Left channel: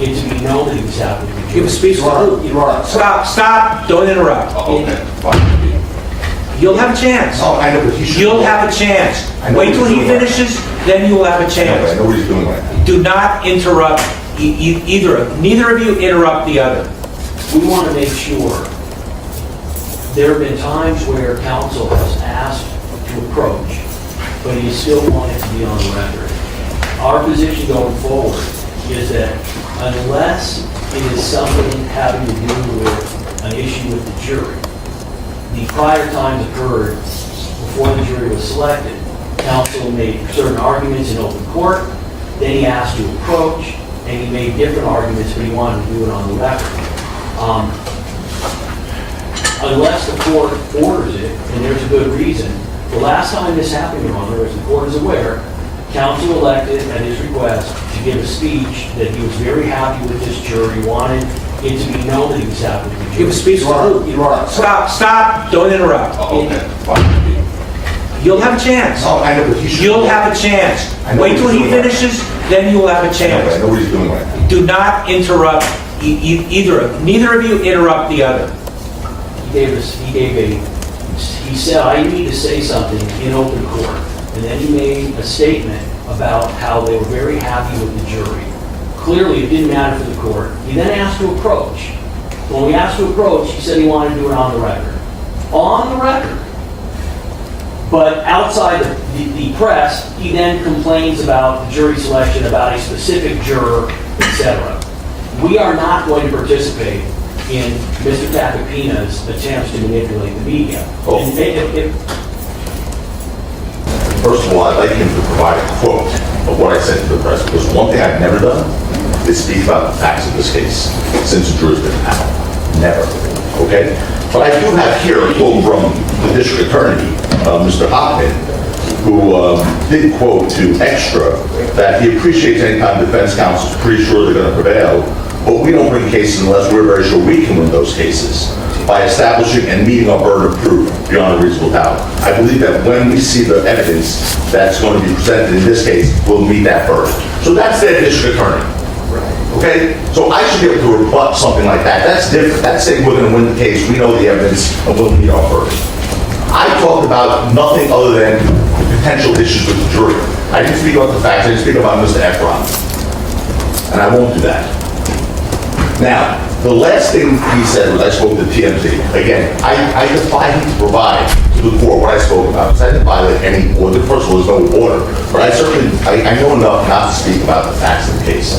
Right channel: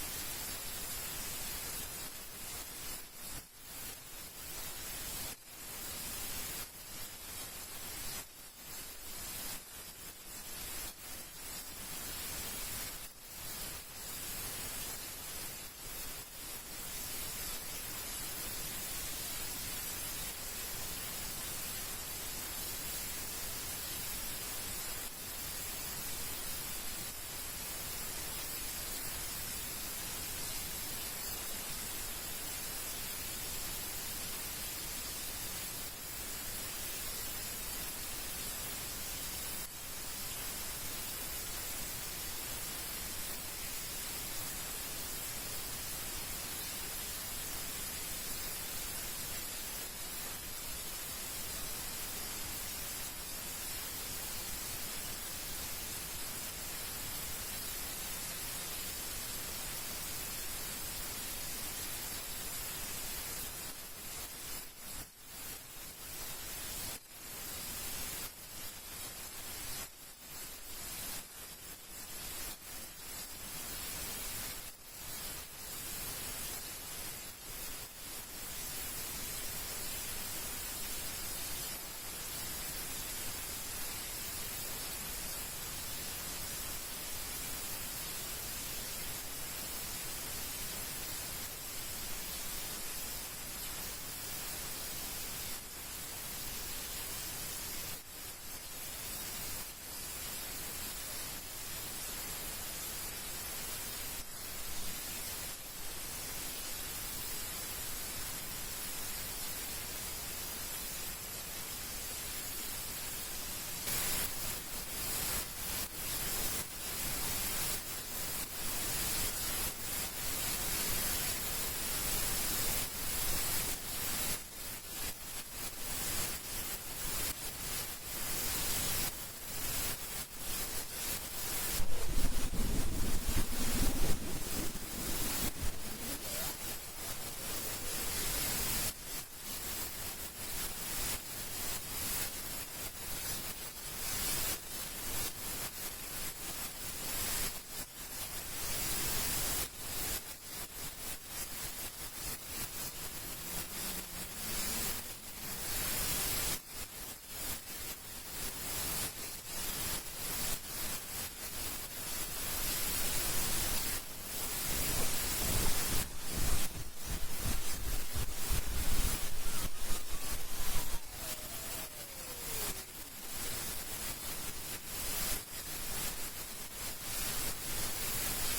it to be known that he was happy with the jury. Give a speech. Stop, don't interrupt. Oh, okay, fine. You'll have a chance. No, I know, but he should. You'll have a chance. I know Wait till what he's he doing. finishes, then you will have a I know, chance. I know what he's doing right now. Do not interrupt neither of you interrupt the other. We want to make sure. There have been times where counsel has asked to approach, but he still wanted to be on the record. Our position going forward is that unless it is something having to do with an issue with the jury, the prior times occurred before the jury was selected. Counsel made certain arguments in open court, then he asked to approach, and he made different arguments, but he wanted to do it on the record. Unless the court orders it, and there's a good reason. The last time this happened, Your Honor, as the court is aware, counsel elected at his request to give a speech that he was very happy with this jury, wanted it to be known that he was happy with the jury. Give a speech. Stop, don't interrupt. Oh, okay, fine. You'll have a chance. No, I know, but he should. You'll have a chance. I know Wait what till he's he doing. finishes, then you will have a I know, I chance. know what he's doing right now. Do not interrupt neither of you interrupt the other. He said, I need to say something in open court. And then he made a statement about how they were very happy with the jury. Clearly, it didn't matter for the court. He then asked to approach. When we asked to approach, he said he wanted to do it on the record. On the record. But outside the press, he then complains about the jury selection, about a specific juror, etc. We are not going to participate in Mr. Tacopina's attempts to manipulate the media. Oh. First of all, I'd like him to provide a quote of what I said to the press, because one thing I've never done is speak about the facts of this case since the jury's been out. Never. Okay? But I do have here a quote from the district attorney, Mr. Hoffman, who did quote to Extra that he appreciates any time defense counsel is pretty sure they're going to prevail, but we don't bring cases unless we're very sure we can win those cases by establishing and meeting our burden of proof beyond a reasonable doubt. I believe that when we see the evidence that's going to be presented in this case, we'll meet that burden. So that's their district attorney. Okay? So I should be able to rebut something like that. That's different. That's saying we're going to win the case, we know the evidence, and we'll meet our burden. I talked about nothing other than potential issues with the jury. I didn't speak about the facts, I didn't speak about Mr. Efron. And I won't do that. Now, the last thing he said was I spoke to TMZ. Again, I defy him to provide to the court what I spoke about, because I didn't violate any order. First of all, there's no order. But I certainly, I know enough not to speak about the facts of the case.